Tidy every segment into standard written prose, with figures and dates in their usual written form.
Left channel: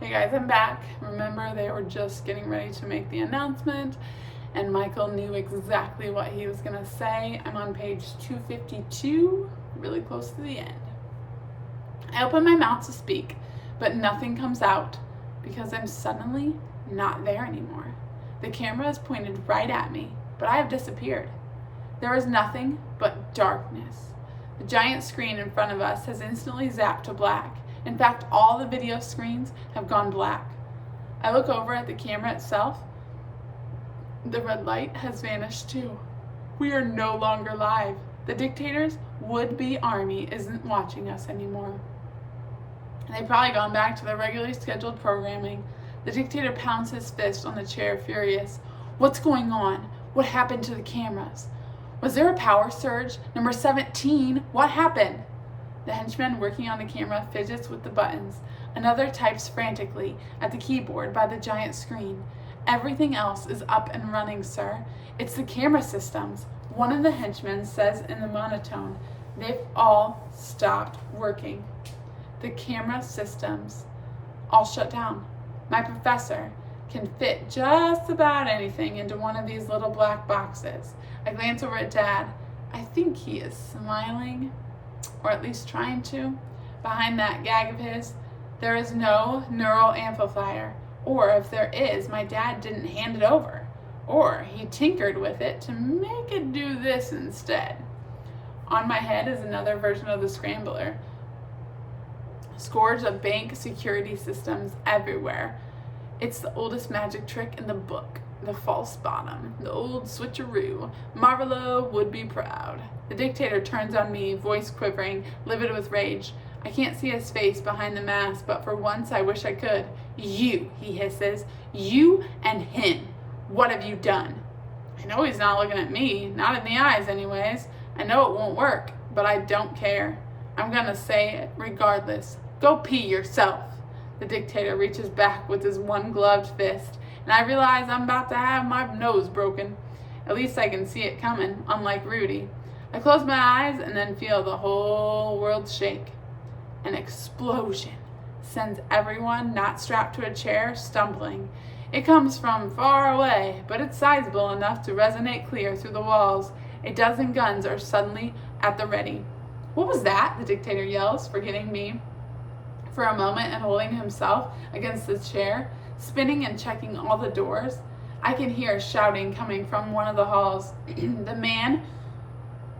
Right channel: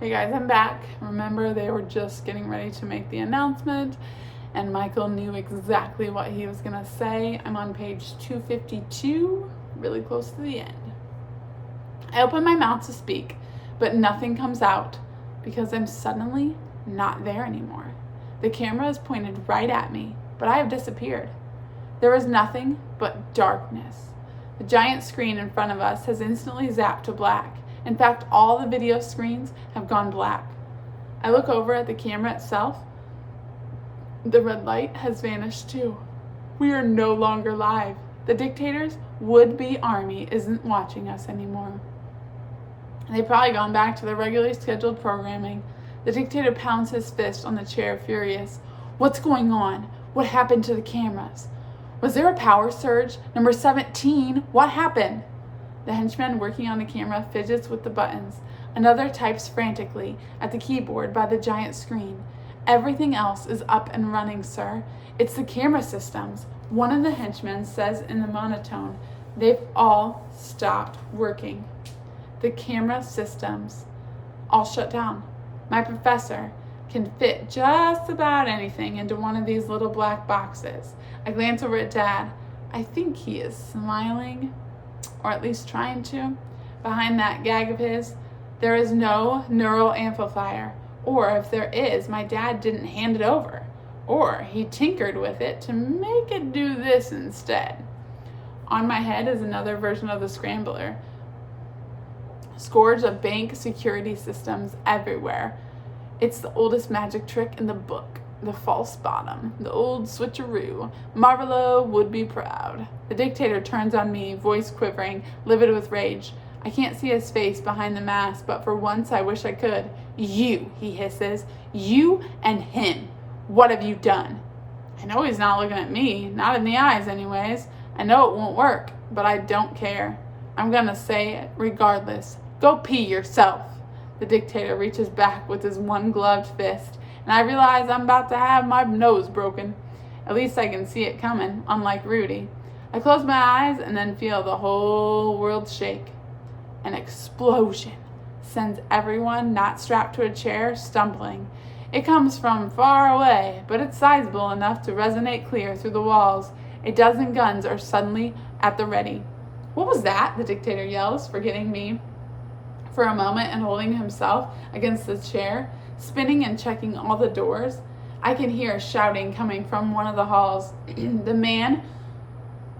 Hey guys, I'm back. Remember, they were just getting ready to make the announcement, and Michael knew exactly what he was going to say. I'm on page 252, really close to the end. I open my mouth to speak, but nothing comes out because I'm suddenly not there anymore. The camera is pointed right at me, but I have disappeared. There is nothing but darkness. The giant screen in front of us has instantly zapped to black. In fact, all the video screens have gone black. I look over at the camera itself. The red light has vanished too. We are no longer live. The dictator's would-be army isn't watching us anymore. They've probably gone back to their regularly scheduled programming. The dictator pounds his fist on the chair, furious. What's going on? What happened to the cameras? Was there a power surge? Number 17, what happened? The henchman working on the camera fidgets with the buttons. Another types frantically at the keyboard by the giant screen. Everything else is up and running, sir. It's the camera systems. One of the henchmen says in the monotone, they've all stopped working. The camera systems all shut down. My professor can fit just about anything into one of these little black boxes. I glance over at Dad. I think he is smiling, or at least trying to. Behind that gag of his, there is no neural amplifier. Or if there is, my dad didn't hand it over. Or he tinkered with it to make it do this instead. On my head is another version of the scrambler. Scores of bank security systems everywhere. It's the oldest magic trick in the book. The false bottom, the old switcheroo. Marvelo would be proud. The dictator turns on me, voice quivering, livid with rage. I can't see his face behind the mask, but for once I wish I could. You, he hisses. You and him. What have you done? I know he's not looking at me, not in the eyes anyways. I know it won't work, but I don't care. I'm gonna say it regardless. Go pee yourself. The dictator reaches back with his one-gloved fist, and I realize I'm about to have my nose broken. At least I can see it coming, unlike Rudy. I close my eyes and then feel the whole world shake. An explosion sends everyone not strapped to a chair stumbling. It comes from far away, but it's sizable enough to resonate clear through the walls. A dozen guns are suddenly at the ready. What was that? The dictator yells, forgetting me for a moment and holding himself against the chair, spinning and checking all the doors. I can hear shouting coming from one of the halls. The man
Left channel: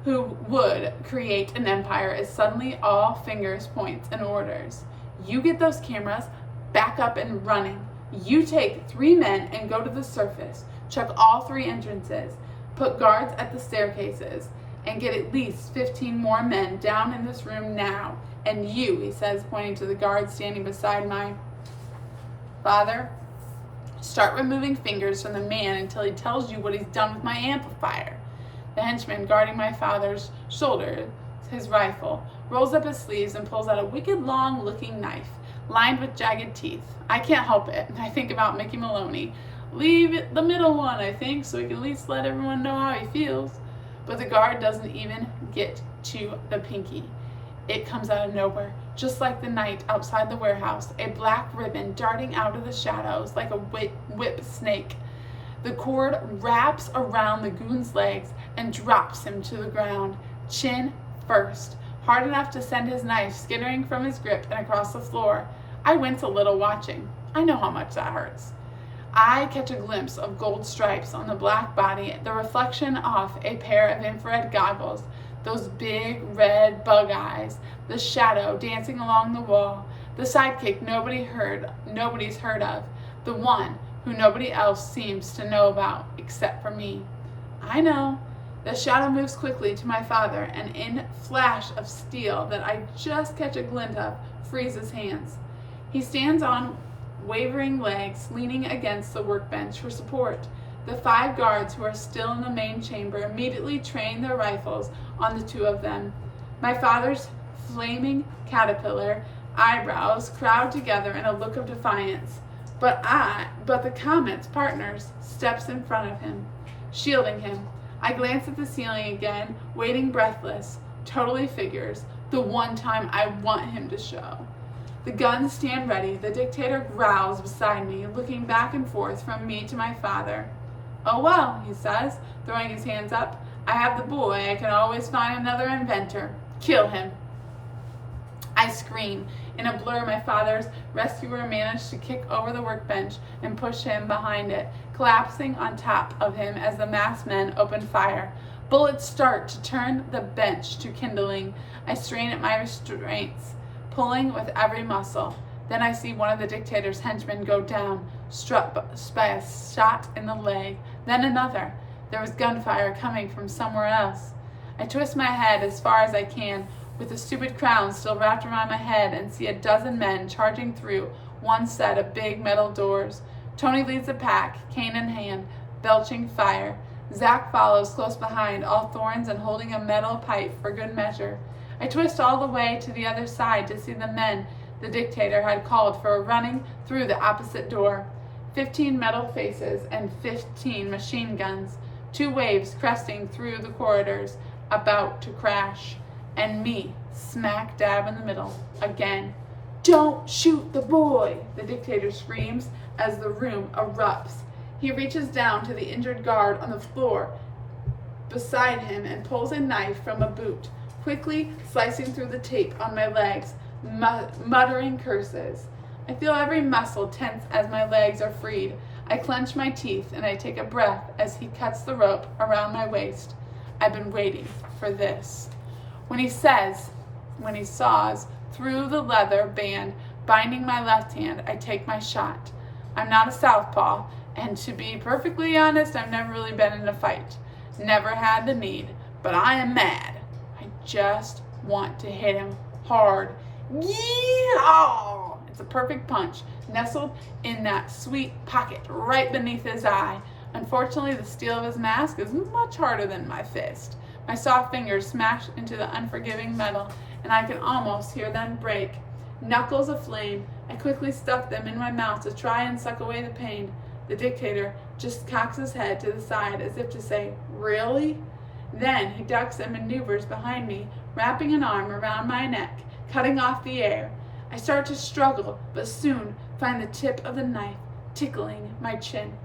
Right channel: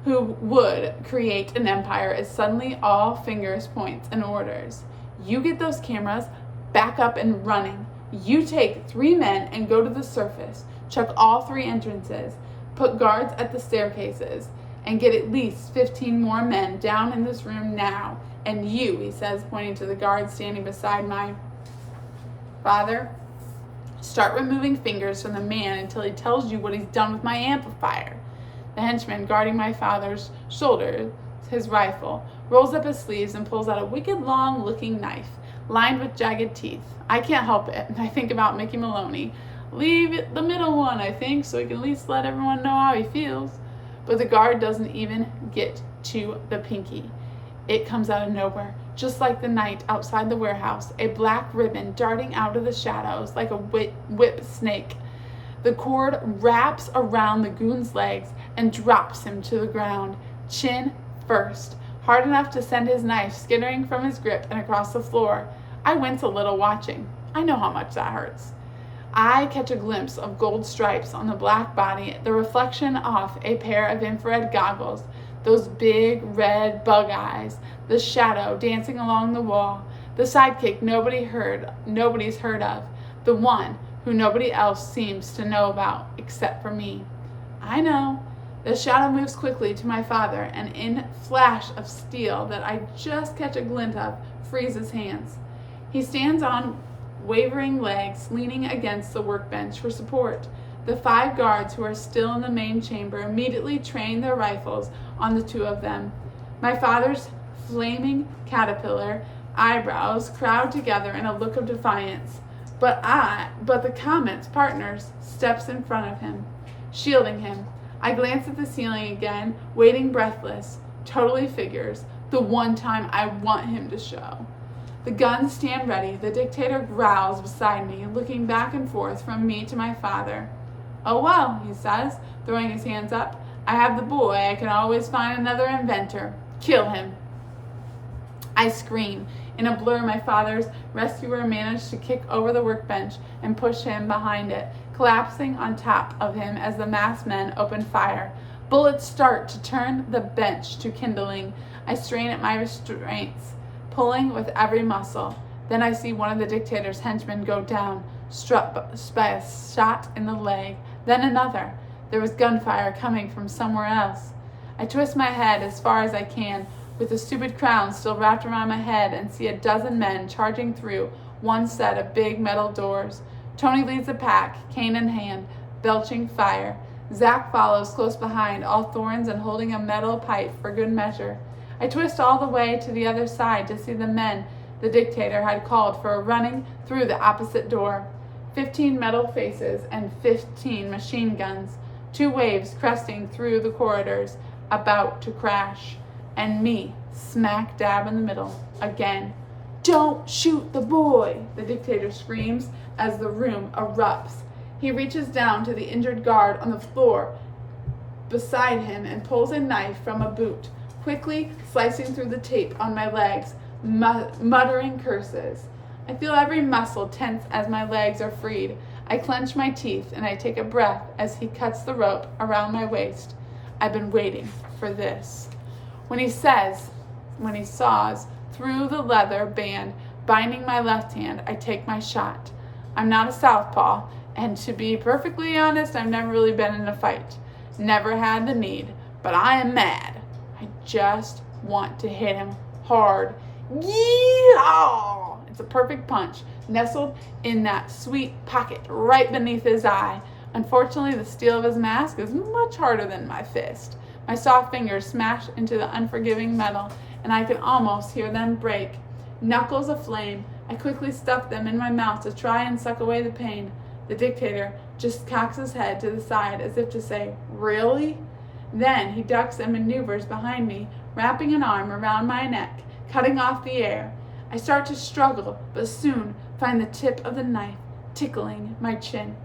who would create an empire is suddenly all fingers, points, and orders. You get those cameras back up and running. You take 3 men and go to the surface. Check all 3 entrances. Put guards at the staircases. And get at least 15 more men down in this room now. And you, he says, pointing to the guard standing beside my father, start removing fingers from the man until he tells you what he's done with my amplifier. The henchman guarding my father's shoulder, his rifle, rolls up his sleeves and pulls out a wicked long-looking knife, lined with jagged teeth. I can't help it. I think about Mickey Maloney. Leave the middle one, I think, so he can at least let everyone know how he feels. But the guard doesn't even get to the pinky. It comes out of nowhere, just like the night outside the warehouse, a black ribbon darting out of the shadows like a whip snake. The cord wraps around the goon's legs and drops him to the ground, chin first, hard enough to send his knife skittering from his grip and across the floor. I wince a little watching. I know how much that hurts. I catch a glimpse of gold stripes on the black body, the reflection off a pair of infrared goggles, those big red bug eyes, the shadow dancing along the wall, the sidekick nobody's heard of, the one who nobody else seems to know about except for me. I know. The shadow moves quickly to my father, and in flash of steel that I just catch a glint of, frees his hands. He stands on wavering legs, leaning against the workbench for support. The 5 guards who are still in the main chamber immediately train their rifles on the 2 of them. My father's flaming caterpillar eyebrows crowd together in a look of defiance. But the Comet's partners steps in front of him, shielding him. I glance at the ceiling again, waiting breathless. Totally figures. The one time I want him to show. The guns stand ready. The dictator growls beside me, looking back and forth from me to my father. "Oh well," he says, throwing his hands up. "I have the boy. I can always find another inventor. Kill him." I scream. In a blur, my father's rescuer managed to kick over the workbench and push him behind it, collapsing on top of him as the masked men open fire. Bullets start to turn the bench to kindling. I strain at my restraints, pulling with every muscle. Then I see one of the dictator's henchmen go down, struck by a shot in the leg. Then another. There was gunfire coming from somewhere else. I twist my head as far as I can, with the stupid crown still wrapped around my head, and see a dozen men charging through one set of big metal doors. Tony leads the pack, cane in hand, belching fire. Zach follows close behind, all thorns and holding a metal pipe for good measure. I twist all the way to the other side to see the men the dictator had called for running through the opposite door. 15 metal faces and 15 machine guns. 2 waves cresting through the corridors, about to crash. And me, smack dab in the middle, again. "Don't shoot the boy," the dictator screams as the room erupts. He reaches down to the injured guard on the floor beside him and pulls a knife from a boot, quickly slicing through the tape on my legs, muttering curses. I feel every muscle tense as my legs are freed. I clench my teeth and I take a breath as he cuts the rope around my waist. I've been waiting for this. When he saws through the leather band binding my left hand, I take my shot. I'm not a southpaw, and to be perfectly honest, I've never really been in a fight. Never had the need, but I am mad. I just want to hit him hard. Yeehaw! It's a perfect punch, nestled in that sweet pocket right beneath his eye. Unfortunately, the steel of his mask is much harder than my fist. My soft fingers smash into the unforgiving metal, and I can almost hear them break. Knuckles aflame, I quickly stuff them in my mouth to try and suck away the pain. The dictator just cocks his head to the side as if to say, "Really?" Then he ducks and maneuvers behind me, wrapping an arm around my neck, cutting off the air. I start to struggle, but soon find the tip of the knife tickling my chin.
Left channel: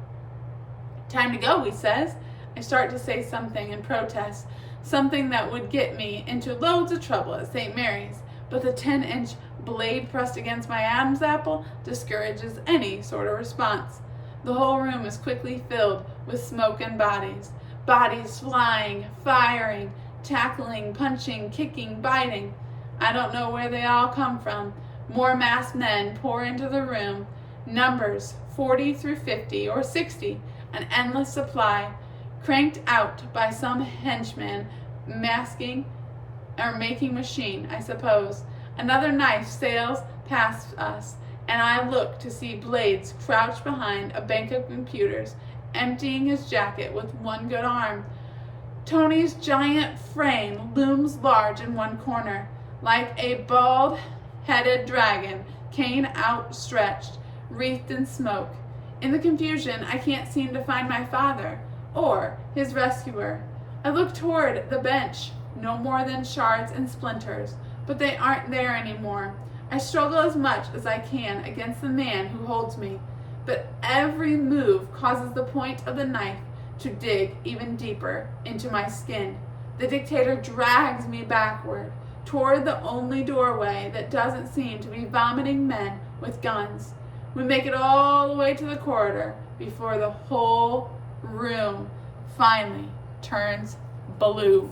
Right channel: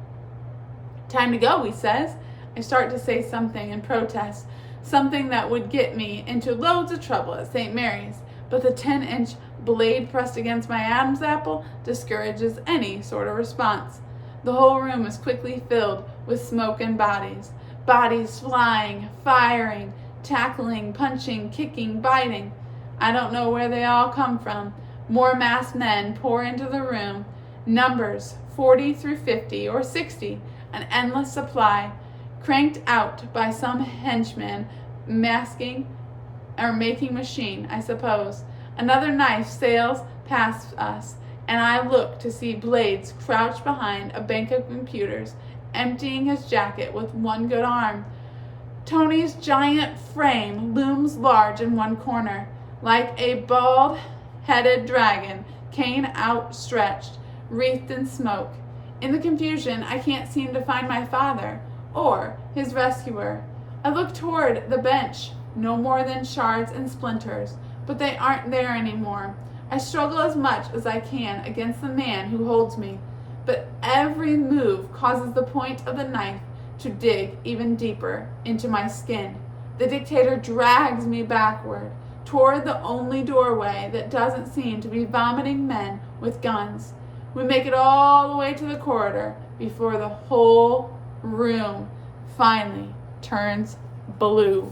"Time to go," he says. I start to say something in protest, something that would get me into loads of trouble at St. Mary's, but the 10-inch blade pressed against my Adam's apple discourages any sort of response. The whole room is quickly filled with smoke and bodies. Bodies flying, firing, tackling, punching, kicking, biting. I don't know where they all come from. More masked men pour into the room. Numbers 40 through 50 or 60, an endless supply, cranked out by some henchman masking or making machine, I suppose. Another knife sails past us, and I look to see Blades crouched behind a bank of computers, emptying his jacket with one good arm. Tony's giant frame looms large in one corner, like a bald-headed dragon, cane outstretched, wreathed in smoke. In the confusion, I can't seem to find my father or his rescuer. I look toward the bench, no more than shards and splinters, but they aren't there anymore. I struggle as much as I can against the man who holds me, but every move causes the point of the knife to dig even deeper into my skin. The dictator drags me backward, toward the only doorway that doesn't seem to be vomiting men with guns. We make it all the way to the corridor before the whole room finally turns blue.